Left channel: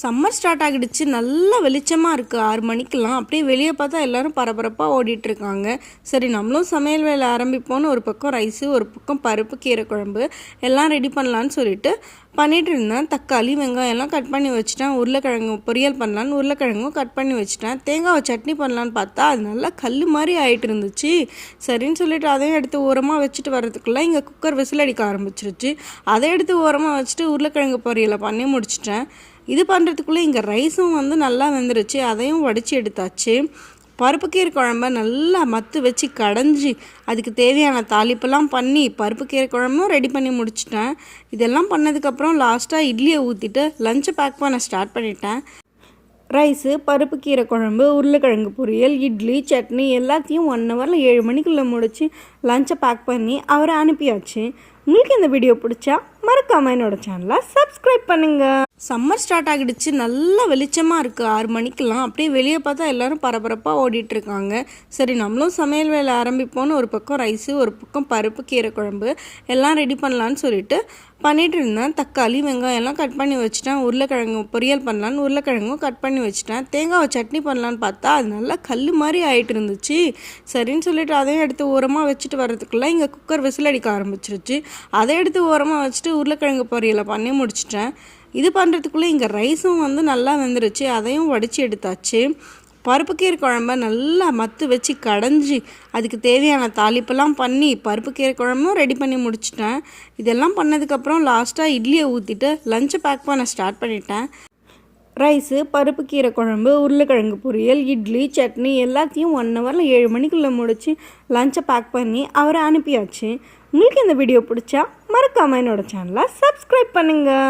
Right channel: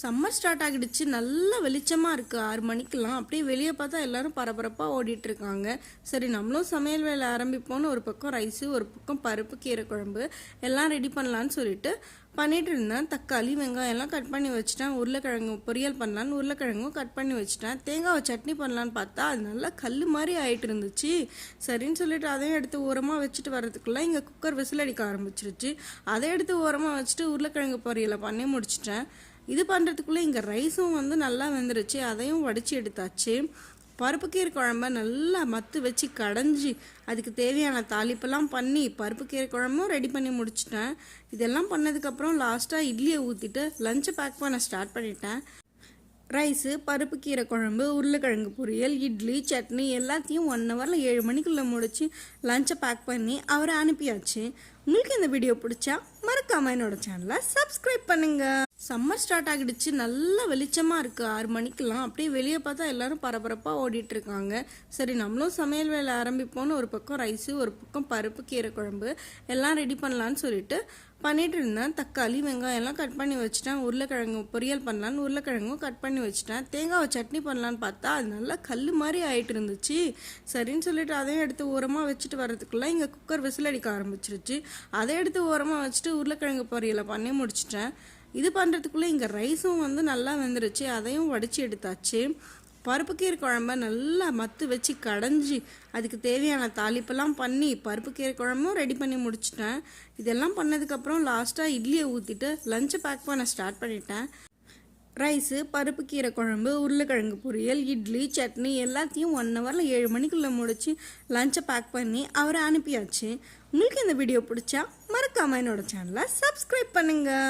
Summer start ஆகிடுச்சு. நல்ல வெளிச்சமாக இருக்குது. 6 மணிக்கெலாம் அப்படியே வெளியே பார்த்தா எல்லோரும் பரபரப்பாக ஓடிட்டுருக்காங்க. சரி நம்மளும் சமையல் வேலை ஆரம்பிப்போன்னு ஒரு பக்கம் ரைஸு, ஒரு பக்கம் பருப்பு கீரை குழம்பு எல்லாம் ரெடி பண்ணலான்னு சொல்லிட்டு பண்ணிகிட்டு இருந்தேன். தக்காளி வெங்காயம் எல்லாம் கட் பண்ணி வச்சுட்டேன். உருளைக்கிழங்கு பொரியல் பண்ணலான்னு உருளைக்கிழங்கும் கட் பண்ணி வச்சுட்டேன். தேங்காவை சட்னி பண்ணலான்னு பார்த்தா அது நல்லா கல் மாதிரி ஆகிட்டு இருந்துச்சு. சரின்னு சொல்லிட்டு அதையும் எடுத்து ஓரமாக வச்சுட்டு வர்றதுக்குள்ளே இங்கே குக்கர் விசில் அடிக்க ஆரம்பிச்சிருச்சு. அதை எடுத்து ஓரமாக வச்சுட்டு உருளைக்கிழங்கு பொரியலை பண்ணி முடிச்சிட்டேன். இது பண்ணுறதுக்குள்ளே இங்கே ரைஸும் நல்லா வெந்துருச்சு. அதையும் வடித்து எடுத்தாச்சு. பருப்பு கீரை குழம்ப நல்லா மத்து வச்சு கடைஞ்சி அதுக்கு தேவையான தாளிப்பெல்லாம் பண்ணி பருப்பு கீரை குழம்பும் ரெடி பண்ணி முடிச்சிட்டேன். இதெல்லாம் பண்ணதுக்கப்புறம் லாஸ்ட்டாக இட்லியை ஊற்றிட்டு லஞ்சை பேக் பண்ண ஸ்டார்ட் பண்ணிட்டேன். ரைஸு, பருப்பு கீரை குழம்பு, உருளைக்கிழங்கு பொரியல், இட்லி, சட்னி எல்லாத்தையும் 1 ஹவரில் 7 மணிக்குள்ளே முடித்து லஞ்சை பேக் பண்ணி அவரை அனுப்பியாச்சு. உங்களுக்கு இந்த வீடியோ பிடிச்சா மறக்காம என்னோட சேனலை சப்ஸ்கிரைப் பண்ணுங்கள். சம்மர் ஸ்டார்ட் ஆகிடுச்சு. நல்ல வெளிச்சமாக இருக்குது. 6 மணிக்கெலாம் அப்படியே வெளியே பார்த்தா எல்லோரும் பரபரப்பாக ஓடிட்டுருக்காங்க. சரி நம்மளும் சமையல் வேலை ஆரம்பிப்போன்னு ஒரு பக்கம் ரைஸு, ஒரு பக்கம் பருப்பு கீரை குழம்பு எல்லாம் ரெடி பண்ணலான்னு சொல்லிட்டு பண்ணிகிட்டு இருந்தேன். தக்காளி வெங்காயம் எல்லாம் கட் பண்ணி வச்சுட்டேன். உருளைக்கிழங்கு பொரியல் பண்ணலான்னு உருளைக்கிழங்கும் கட் பண்ணி வச்சுட்டேன். தேங்காவை சட்னி பண்ணலான்னு பார்த்தா அது நல்லா கல் மாதிரி ஆகிட்டு இருந்துச்சு. சரின்னு சொல்லிட்டு அதையும் எடுத்து ஓரமாக வச்சுட்டு வர்றதுக்குள்ளே இங்கே குக்கர் விசில் அடிக்க ஆரம்பிச்சிருச்சு. அதை எடுத்து ஓரமாக வச்சுட்டு உருளைக்கிழங்கு பொரியலை பண்ணி முடிச்சிட்டேன். இது பண்ணுறதுக்குள்ளே இங்கே ரைஸும் நல்லா வெந்துருச்சு. அதையும் வடித்து எடுத்தாச்சு. பருப்பு கீரை குழம்ப நல்லா மத்து வச்சு கடைஞ்சி அதுக்கு தேவையான தாளிப்பெல்லாம் பண்ணி பருப்பு கீரை குழம்பும் ரெடி பண்ணி முடிச்சிட்டேன். இதெல்லாம் பண்ணதுக்கப்புறம் லாஸ்ட்டாக இட்லியை ஊற்றிட்டு லஞ்சை பேக் பண்ண ஸ்டார்ட் பண்ணிட்டேன். ரைஸு, பருப்பு கீரை குழம்பு, உருளைக்கிழங்கு பொரியல், இட்லி, சட்னி எல்லாத்தையும் 1 ஹவரில் 7 மணிக்குள்ளே முடித்து லஞ்சை பேக் பண்ணி அவரை அனுப்பியாச்சு. உங்களுக்கு இந்த வீடியோ பிடிச்சா மறக்காமல் என்னோட சேனலை சப்ஸ்கிரைப் பண்ணுங்கள்.